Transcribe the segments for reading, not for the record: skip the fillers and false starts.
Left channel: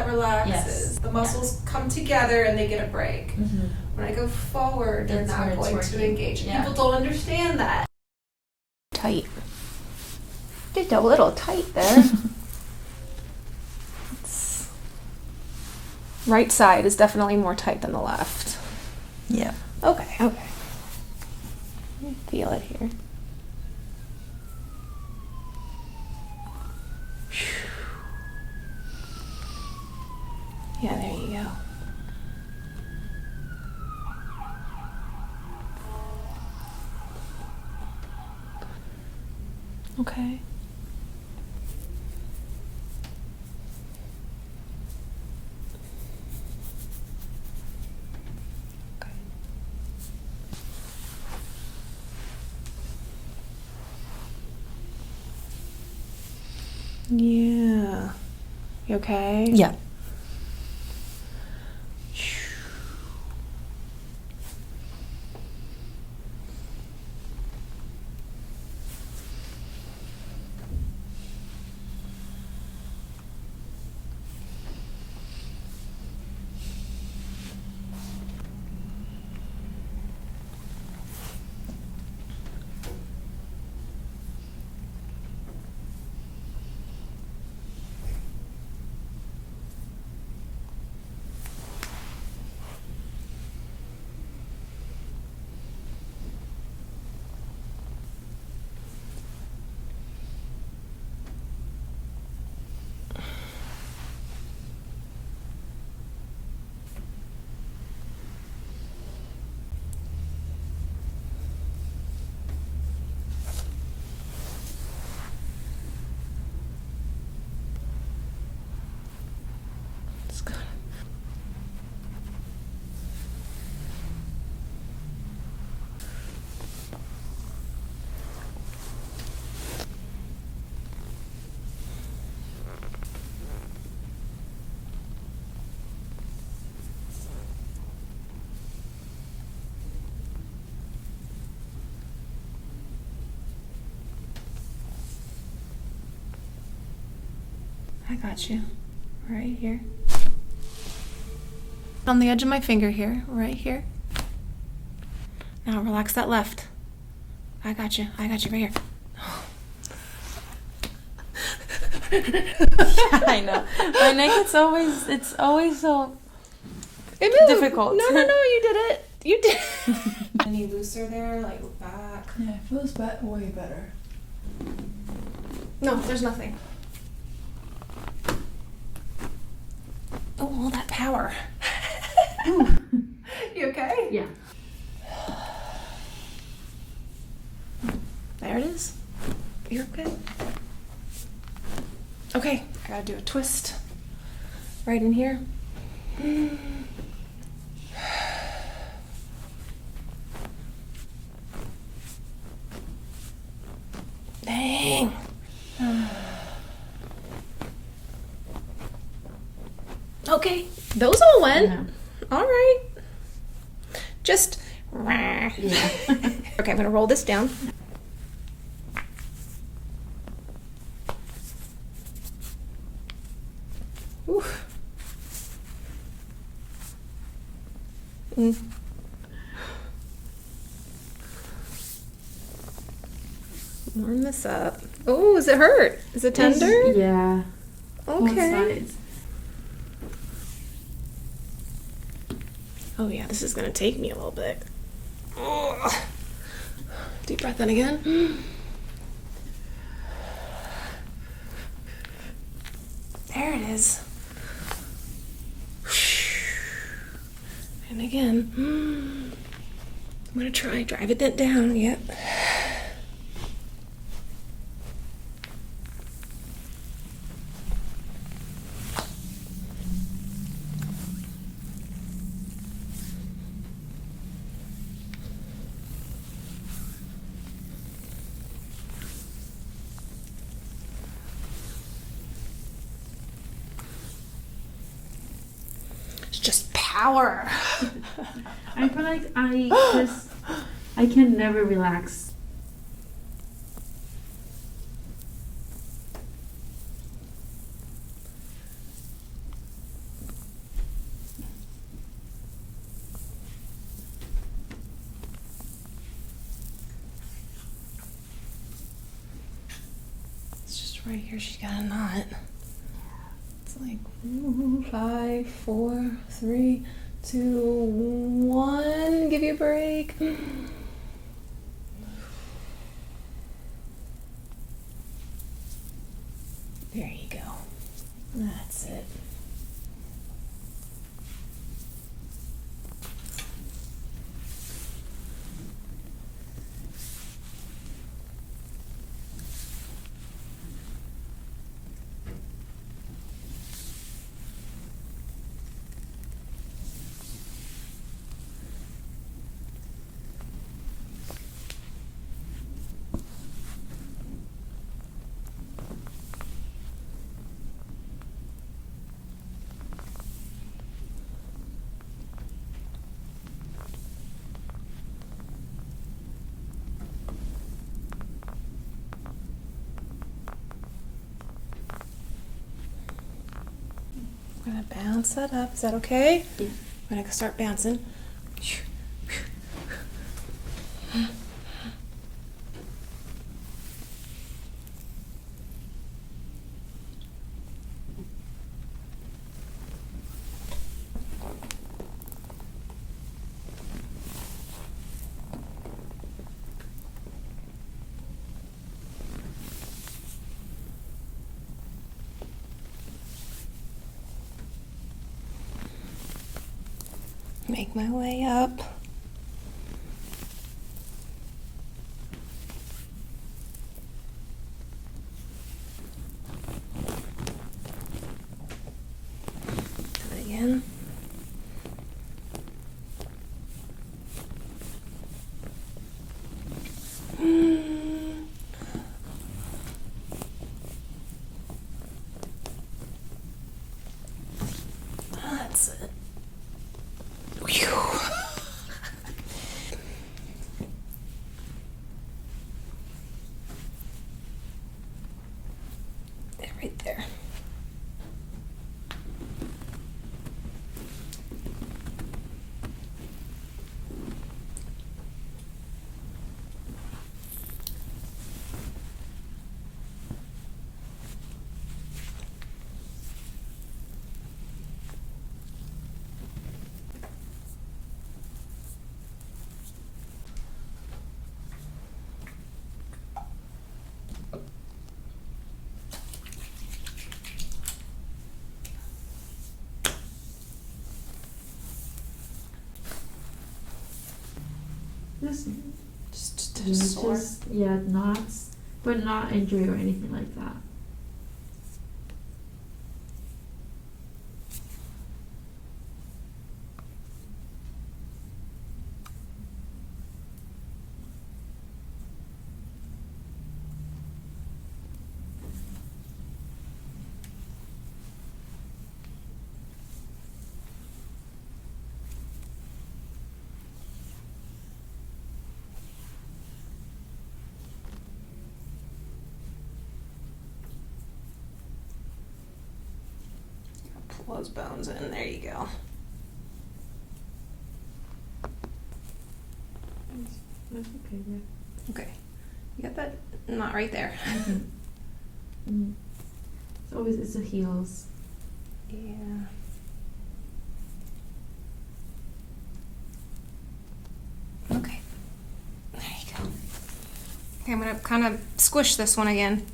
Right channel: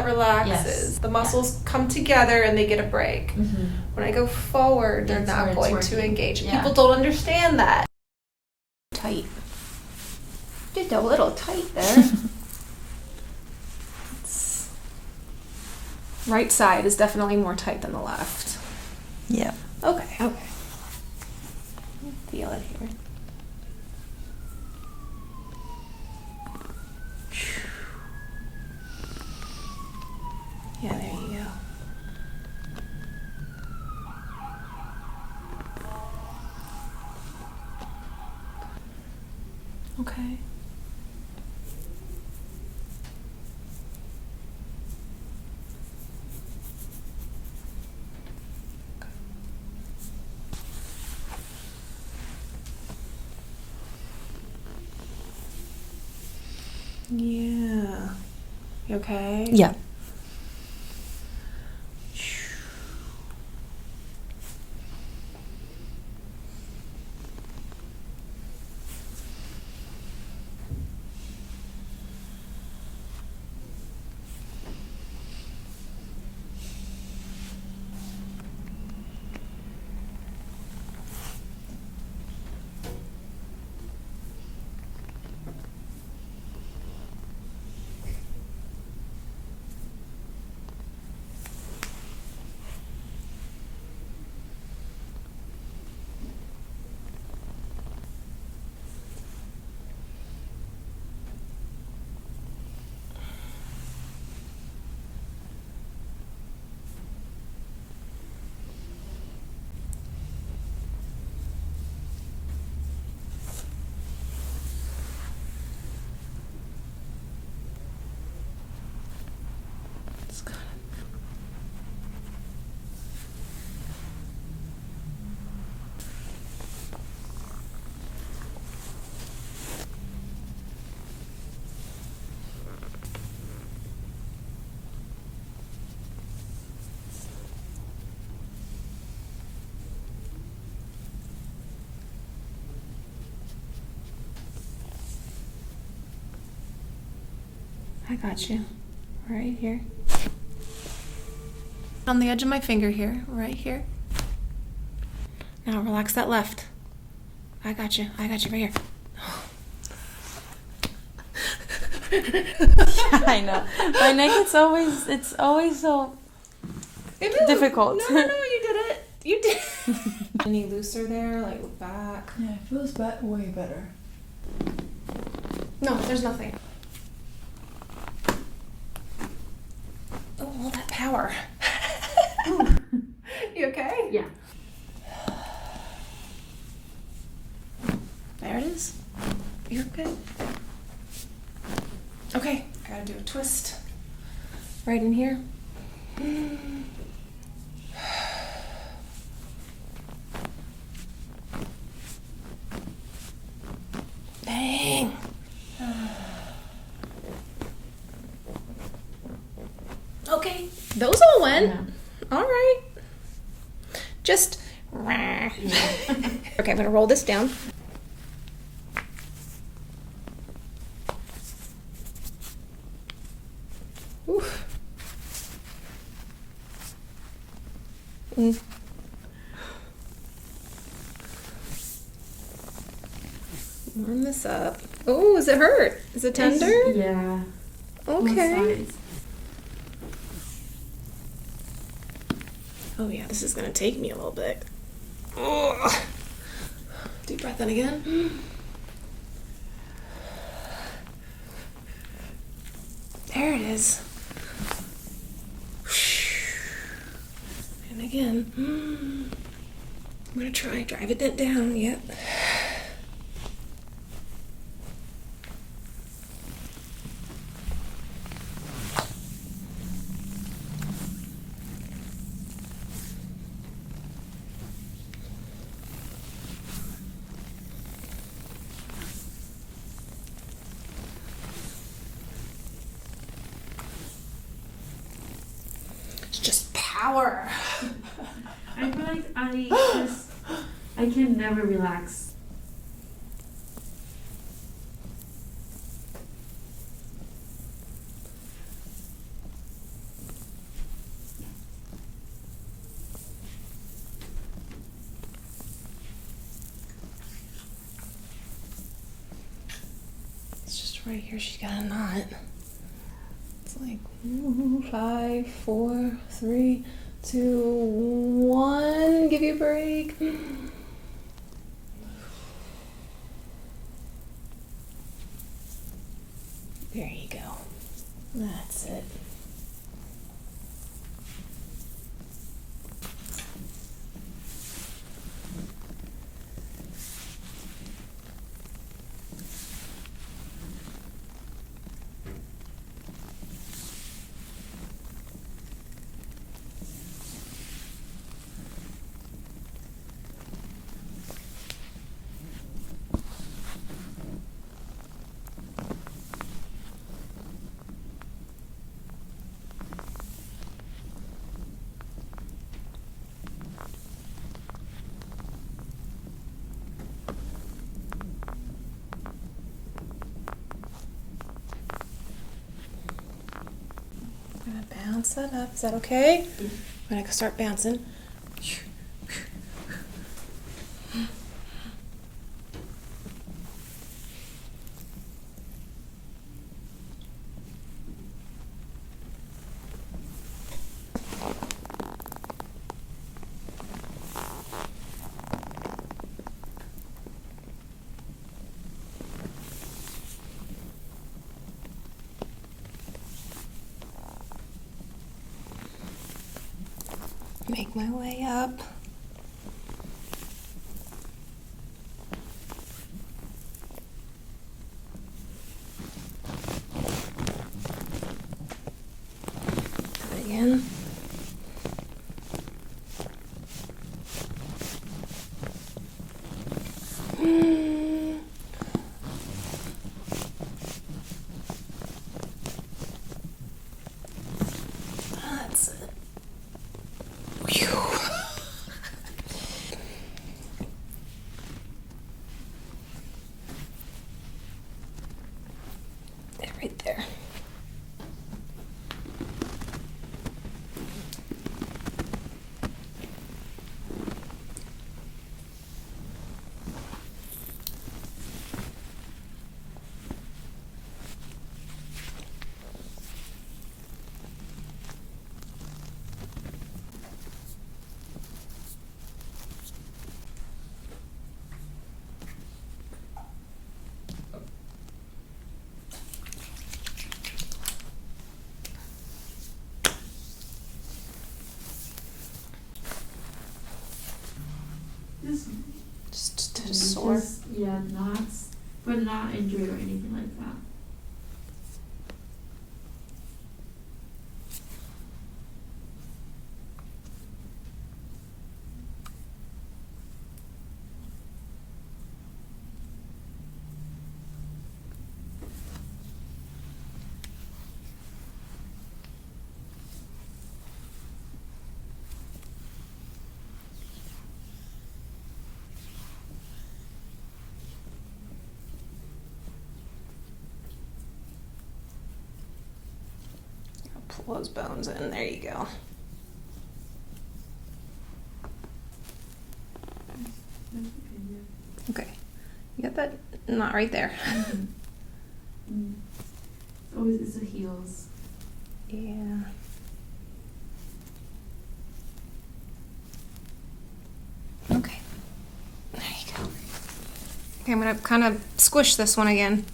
that relaxes. Yes. The muscles come together and they get a break. Mm-hmm. When I go forward, they're That's not where it's going to working. engage. Yeah. People don't understand that. Tight. Just a little tight there. Right side is definitely more tight than the left. Yeah. Okay. Feel it here. Yeah, there you go. Okay. Yeah. You okay? Yeah. It's good. I got you. Right here. On the edge of my finger here, right here. Now relax that left. I got you right here. Yeah, I know. My neck, it's always so It moved. difficult. No, you did it. You did. Any looser there? Like look back. Yeah, it feels way better. No, there's nothing. Oh, all that power. You okay? Yeah. There it is. You're okay. Okay, I gotta do a twist. Right in here. Dang. Okay, those all went. Yeah. All right. Just. Yeah. Okay, I'm gonna roll this down. Ooh. Warm this up. Oh, does it hurt? Is it tender? Yeah. Both Okay. sides. Oh yeah, this is gonna take me a little bit. Oh. Deep breath in again. There it is. And again. I'm gonna try drive it down. Yep. It's just power. I feel like I can never relax. Right here, she's got a knot. It's like 5, 4, 3, 2, 1. Give you a break. There you go. That's it. I'm gonna bounce that up. Is that okay? Yeah. I'm gonna start bouncing. Make my way up. Do it again. That's it. Whew. There, right there. This Just sore. yeah, knots, but not injured or anything like that. Pull those bones in. There you go. That's okay, yeah. Okay. You got that knot right there. Mm. Always it's the heels. Yeah. Okay. There you go. Okay, I'm gonna kind of squish this one again.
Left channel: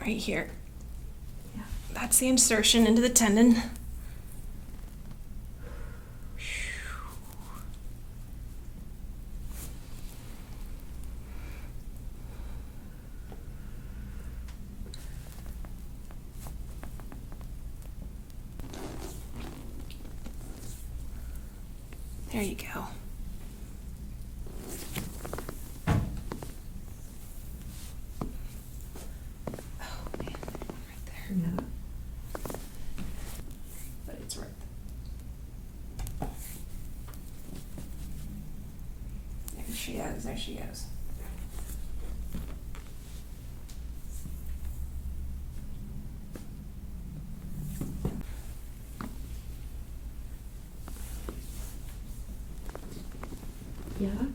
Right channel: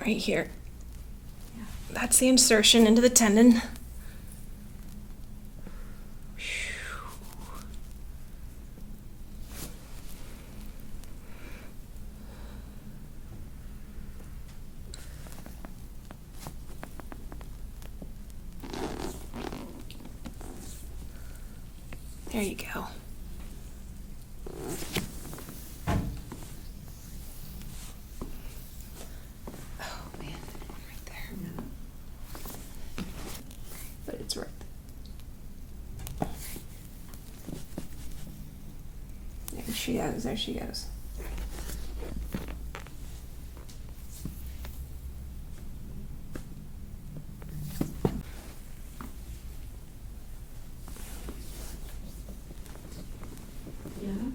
Right here. Yeah. That's the insertion into the tendon. There you go. Oh man, right there. Yeah. But it's right. There she goes, there she goes.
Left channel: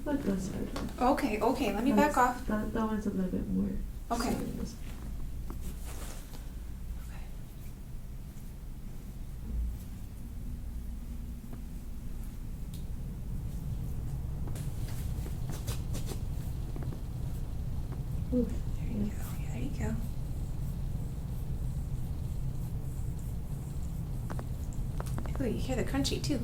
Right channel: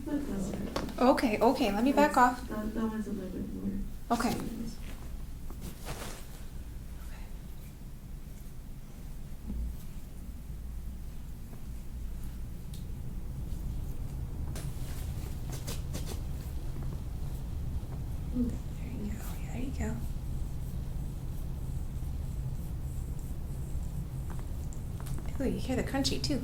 But that's good. Okay, okay, let me back off. That one's a little bit more. Okay. serious. Ooh. There you go. Yeah, there you go. Ooh, you hear the crunchy too.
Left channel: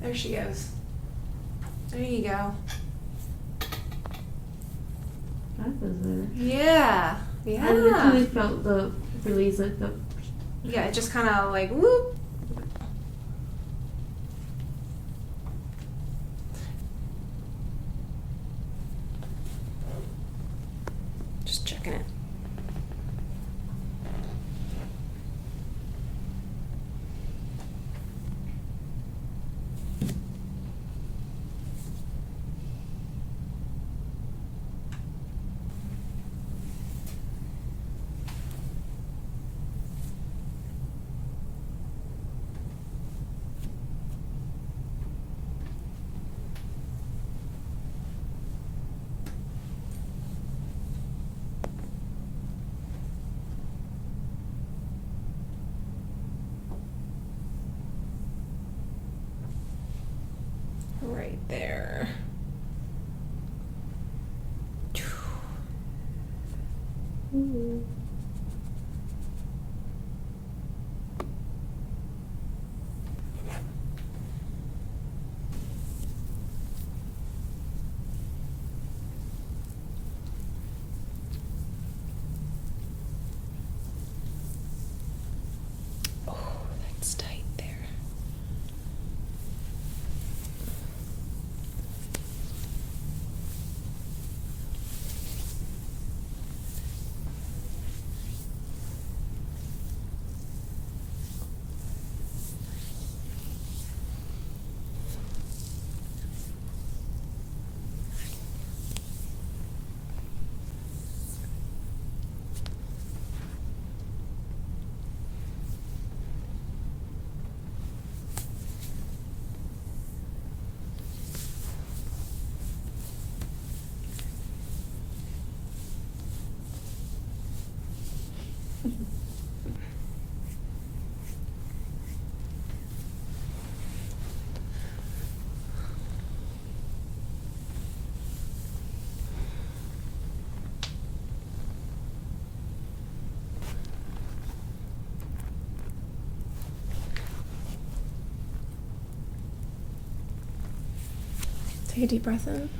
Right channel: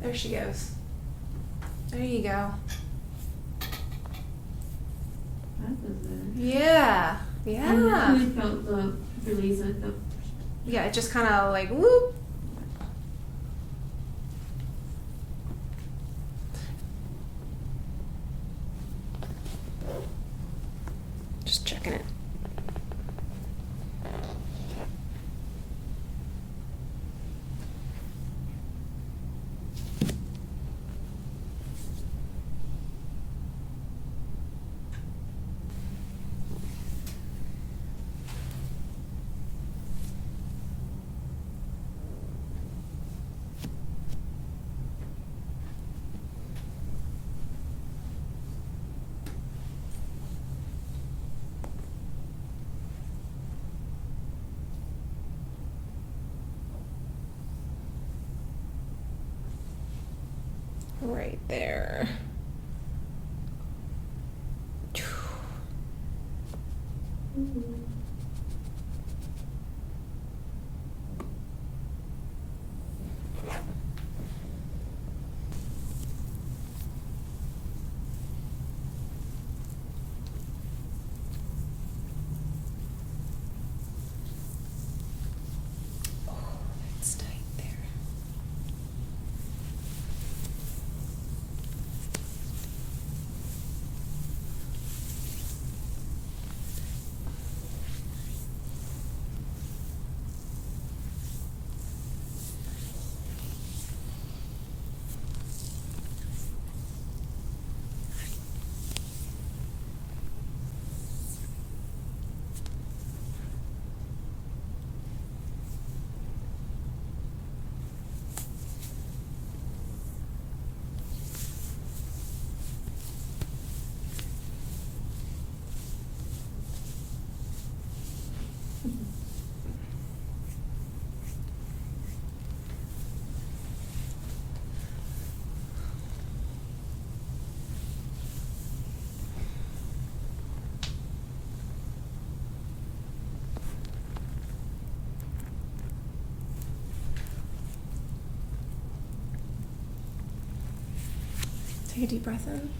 There she goes. There you go. That was it. Yeah. I Yeah. literally felt the release, like the. Yeah, it just kind of like whoop. Just checking it. Right there. Ooh. Oh, that's tight there. Take a deep breath in.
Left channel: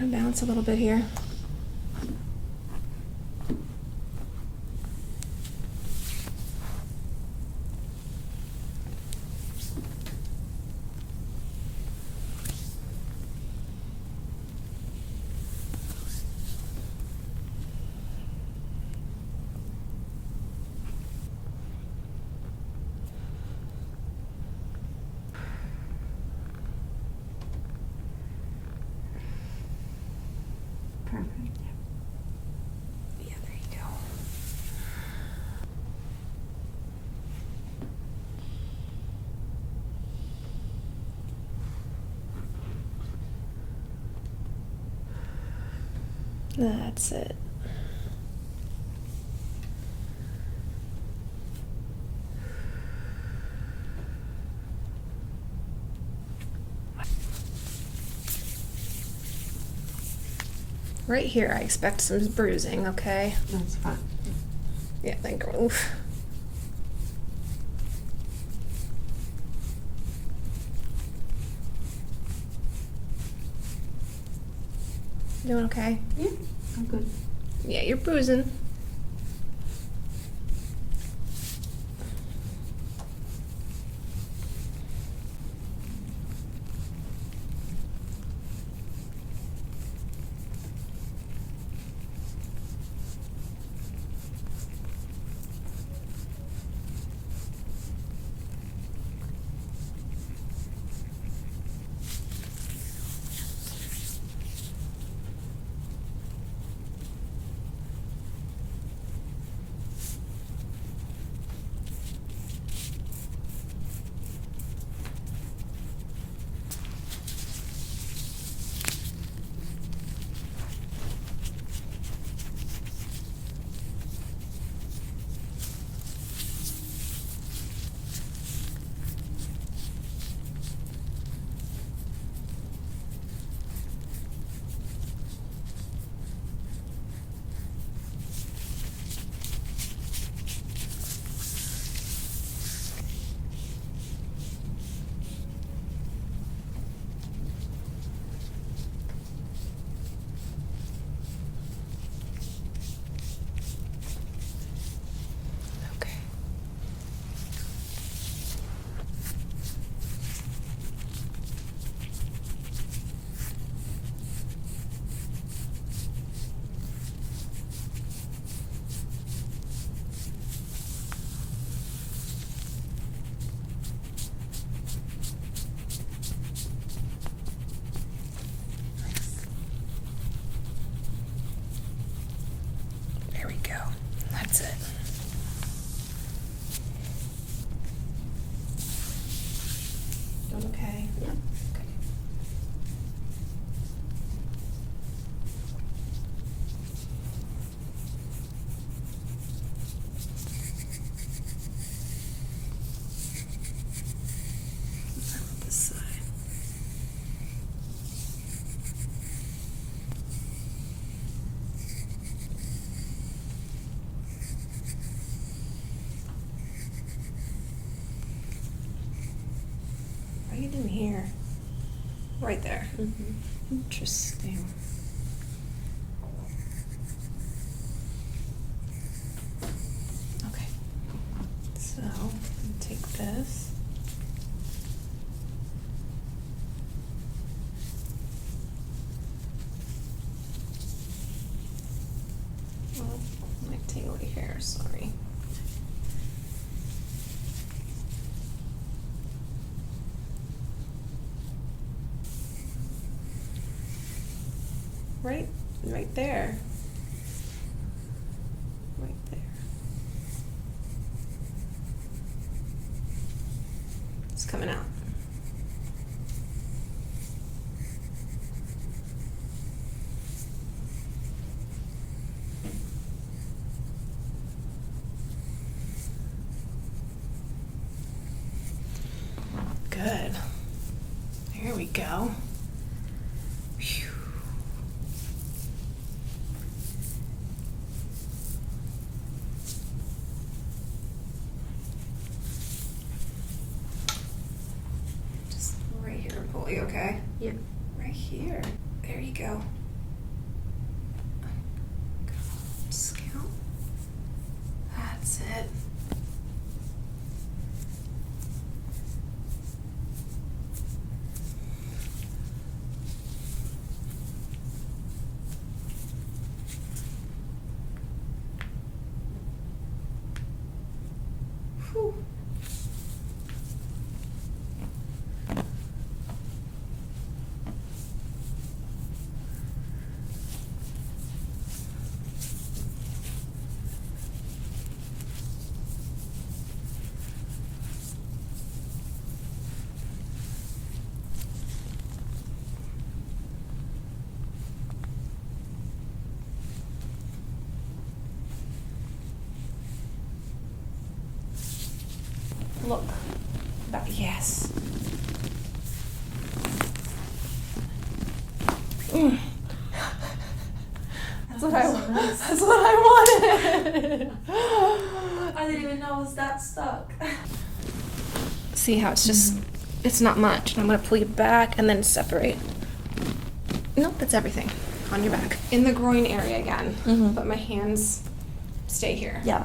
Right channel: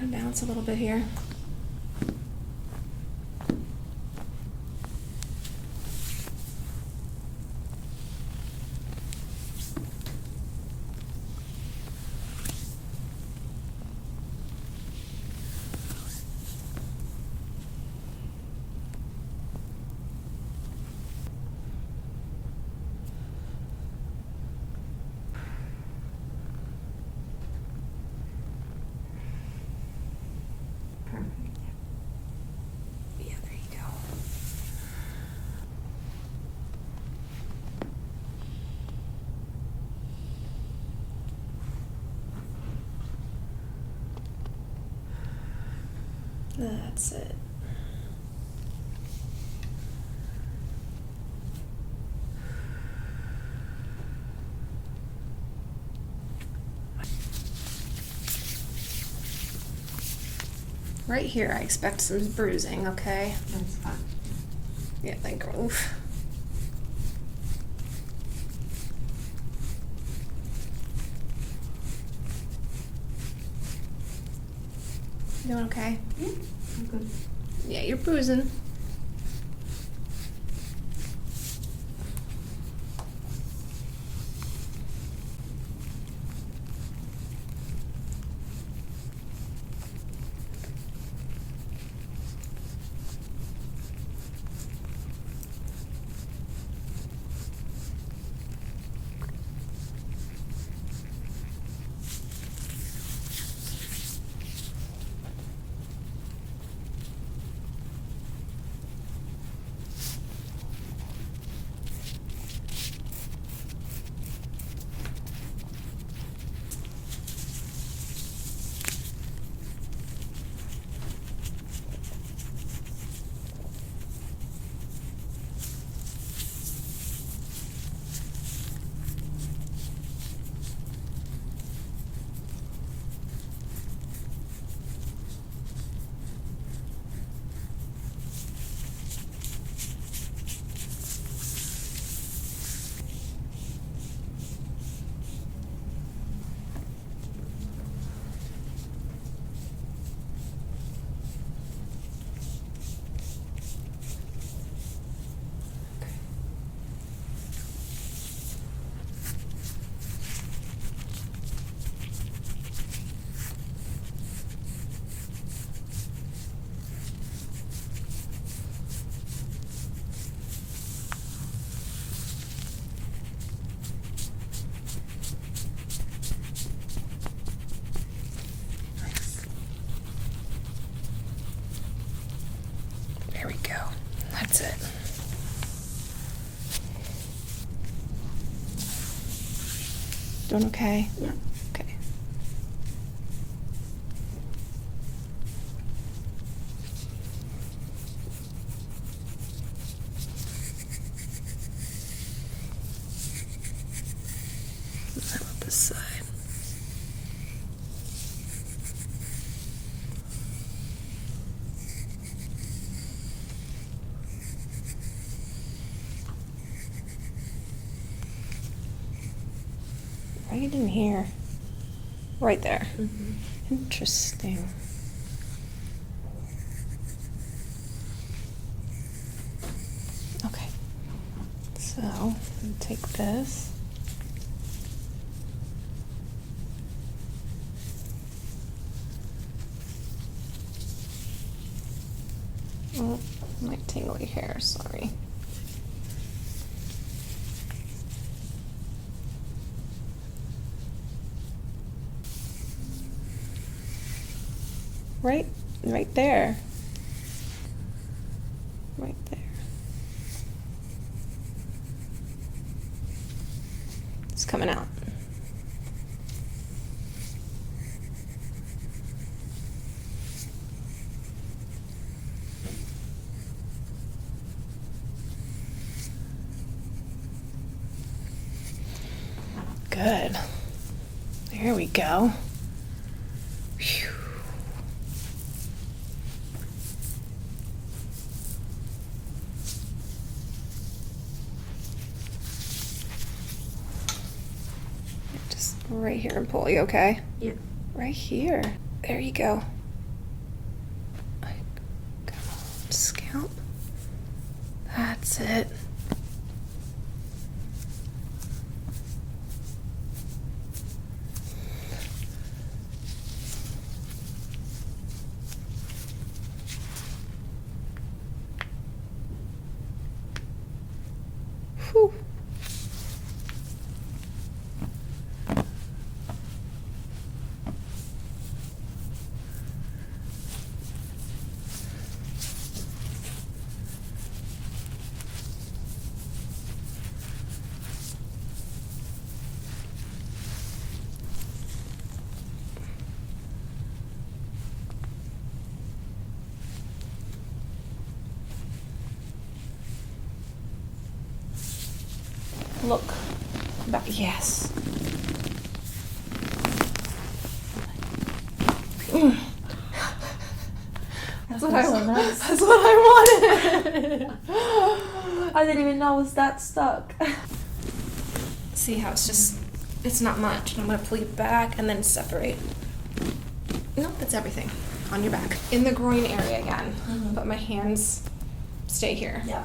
I'm gonna bounce a little bit here. Perfect. Yeah, there you go. That's it. Right here, I expect some bruising, okay? That's fine. Yeah, thank you. Oof. Doing okay? Yeah, I'm good. Yeah, you're bruising. doing okay? Yeah. Okay. How about this side? Right in here. Right there. Mm-hmm. Interesting. Okay. So, take this. Oh, my tingly hair, sorry. Right there. Right there. It's coming out. Good. There we go. Phew. Just right here and pull. You okay? Yeah. Right here. There you go. Come on, scalp. That's it. Whew. Look. Back. Yes. That's what so nice. That's what I wanted. I didn't even know I was that stuck. See how it's just, it's not much. And I'm gonna pull you back and then separate. Nope, that's everything. On your back. In the groin area again. Mhm. But my hands stay here. Yeah.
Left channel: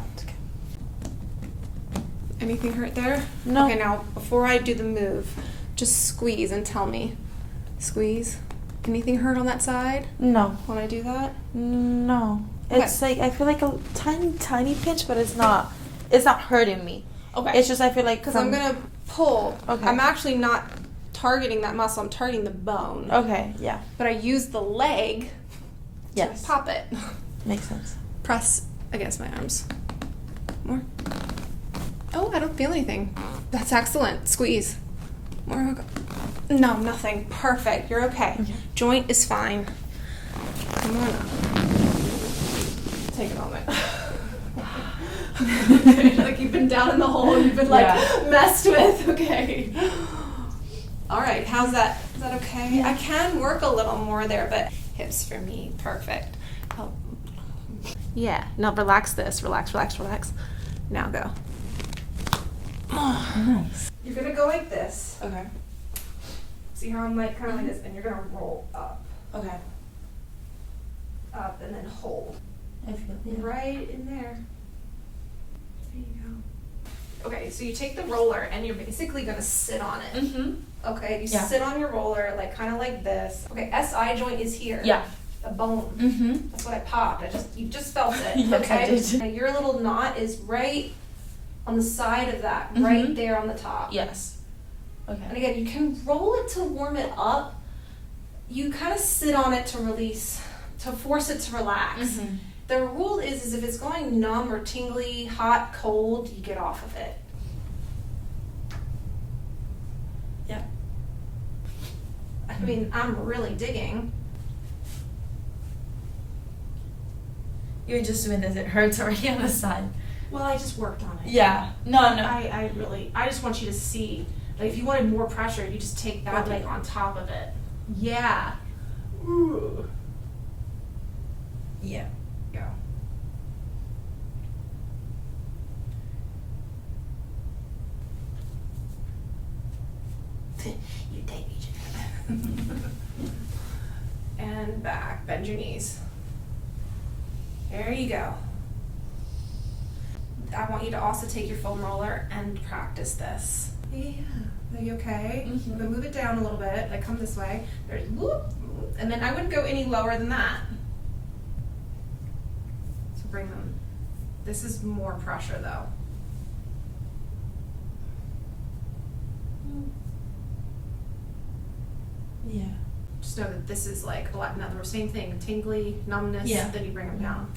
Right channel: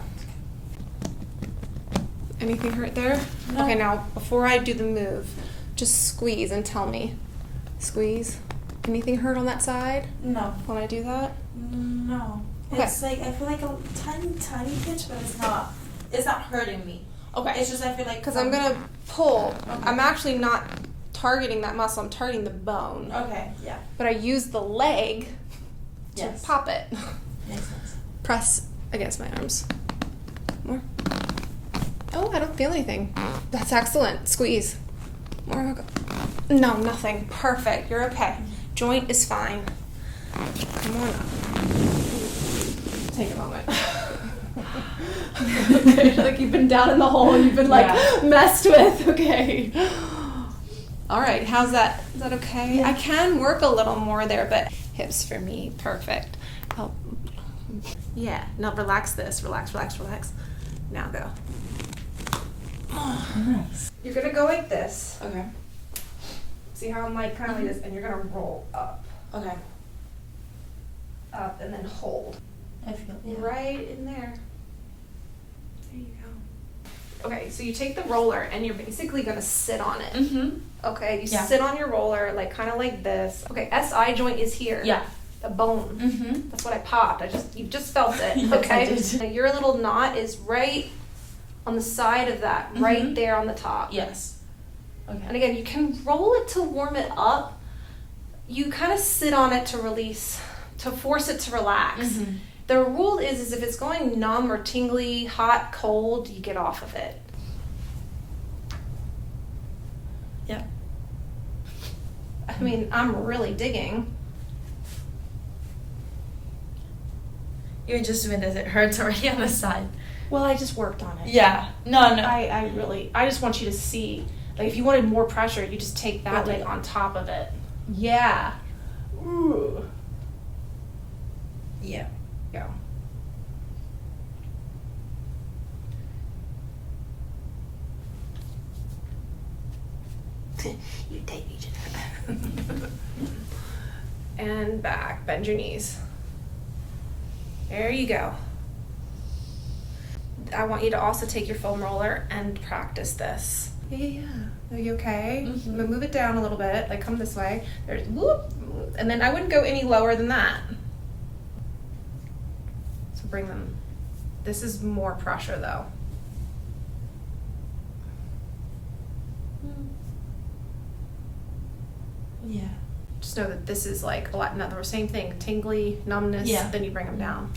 Anything hurt there? No. Okay, now before I do the move, just squeeze and tell me. Squeeze. Anything hurt on that side No. when I do that? No. Okay. It's like I feel like a tiny pinch, but it's not hurting me. Okay. It's just I feel like Because I'm gonna pull. Okay. I'm actually not targeting that muscle. I'm targeting the bone. Okay, yeah. But I use the leg Yes. to pop it. Makes sense. Press against my arms. More. Oh, I don't feel anything. That's excellent. Squeeze. More. No, nothing. Perfect. You're okay. Joint is fine. Come on up. Take a moment. Okay, like you've been down in the hole. You've been like messed with. Okay. All right. How's that? Is that okay? Yeah. I can work a little more there, but hips for me. Perfect. Oh. Yeah. Now relax this. Relax, relax, relax. Now go. Nice. You're gonna go like this. Okay. See how I'm like kind of like this, and you're gonna roll up, Okay. up, and then hold. I feel Right in there. There you go. Okay, so you take the roller and you're basically gonna sit on it. Mm-hmm. Okay, you Yeah. sit on your roller like kind of like this. Okay, SI joint is here. Yeah. The bone. Mm-hmm. That's what I popped. You just felt it. Yes, okay. I did. Now, your little knot is right on the side of that, right Mhm. there on the top. Yes. And Okay. again, you can roll it to warm it up. You kind of sit on it to release, to force it to relax. Mhm. The rule is if it's going numb or tingly, hot, cold, you get off of it. Yeah. I mean, I'm really digging. You're just doing this. It hurts already on the side. Well, I just worked on it. Yeah. No. I just want you to see, like, if you wanted more pressure, you just take that, like, on top of it. Yeah. Ooh. Yeah. Go. You take each and back. Bend your knees. There you go. I want you to also take your foam roller and practice this. Yeah. Are you okay? Mhm. But move it down a little bit. Like, come this way. There's whoop, whoop, and then I wouldn't go any lower than that. So bring them. This is more pressure though. Yeah. Just know that this is like a lot. In other words, same thing. Tingly, numbness. Yeah. Then you bring them down.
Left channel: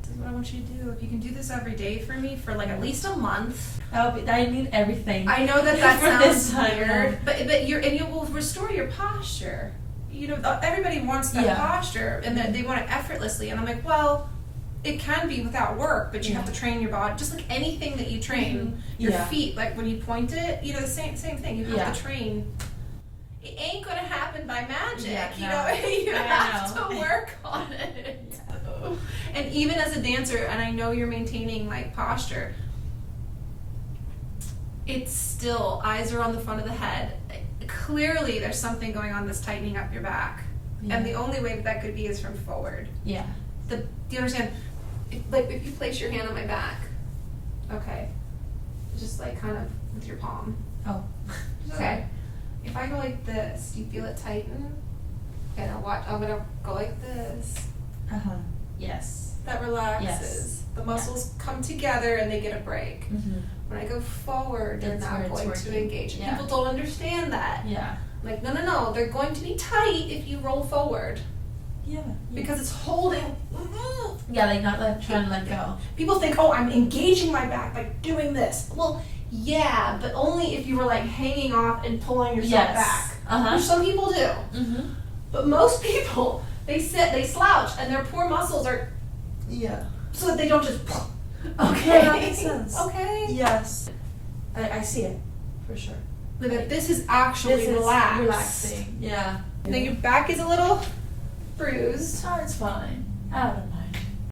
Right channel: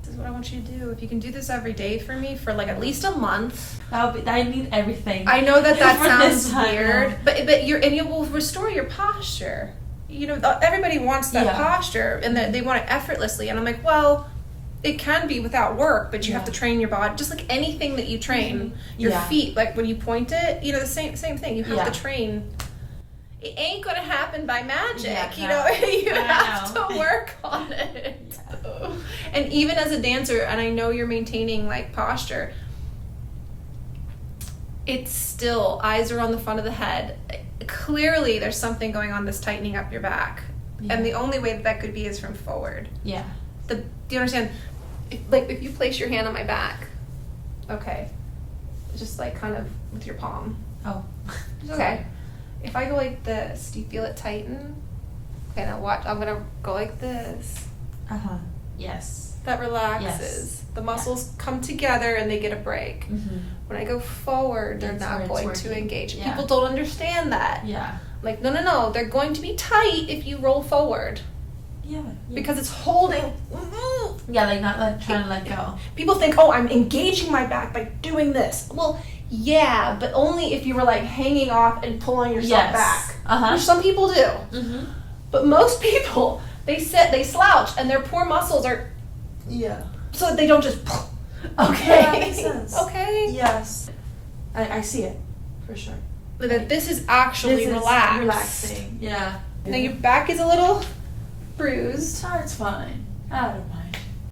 This is what I want you to do. If you can do this every day for me for like at least a month. I need everything. I know that For this sounds time, weird, but you will restore your posture. You know, everybody wants that Yeah. posture, and that they want it effortlessly. And I'm like, well, it can be without work, but you have to Yeah. train your body, just like anything that you train. Mhm. Your Yeah. feet, like when you point it, you know, the same thing. You have Yeah. to train. It ain't gonna happen by magic, Yeah, you no. know. You I have know. to work on it. And even as a dancer, and I know you're maintaining like posture, it's still eyes are on the front of the head. Clearly, there's something going on that's tightening up your back, and the only way that could be is from forward. Yeah. Do you understand? If you place your hand on my back, okay, just like kind of with your palm. Oh. Okay. If I go like this, do you feel it tighten? Okay, now watch. I'm gonna go like this. Yes. That relaxes. Yes. The muscles come together and they get a break. Mm-hmm. When I go forward, they're That's not where it's going to working. engage. Yeah. People don't understand that. Yeah. Like, no, they're going to be tight if you roll forward Yeah. because it's holding. Yeah, like not like trying to let go. People think, oh, I'm engaging my back by doing this. Well, yeah, but only if you were like hanging off and pulling yourself back. Which some people do. Mm-hmm. But most people, they sit, they slouch, and their poor muscles are Yeah. so that they don't just. Okay. Yeah, that makes sense. Okay. Yes. I see it for sure. That this is actually This is relaxed. relaxing. Yeah. Now your back is a little bruised. It's fine. I don't know.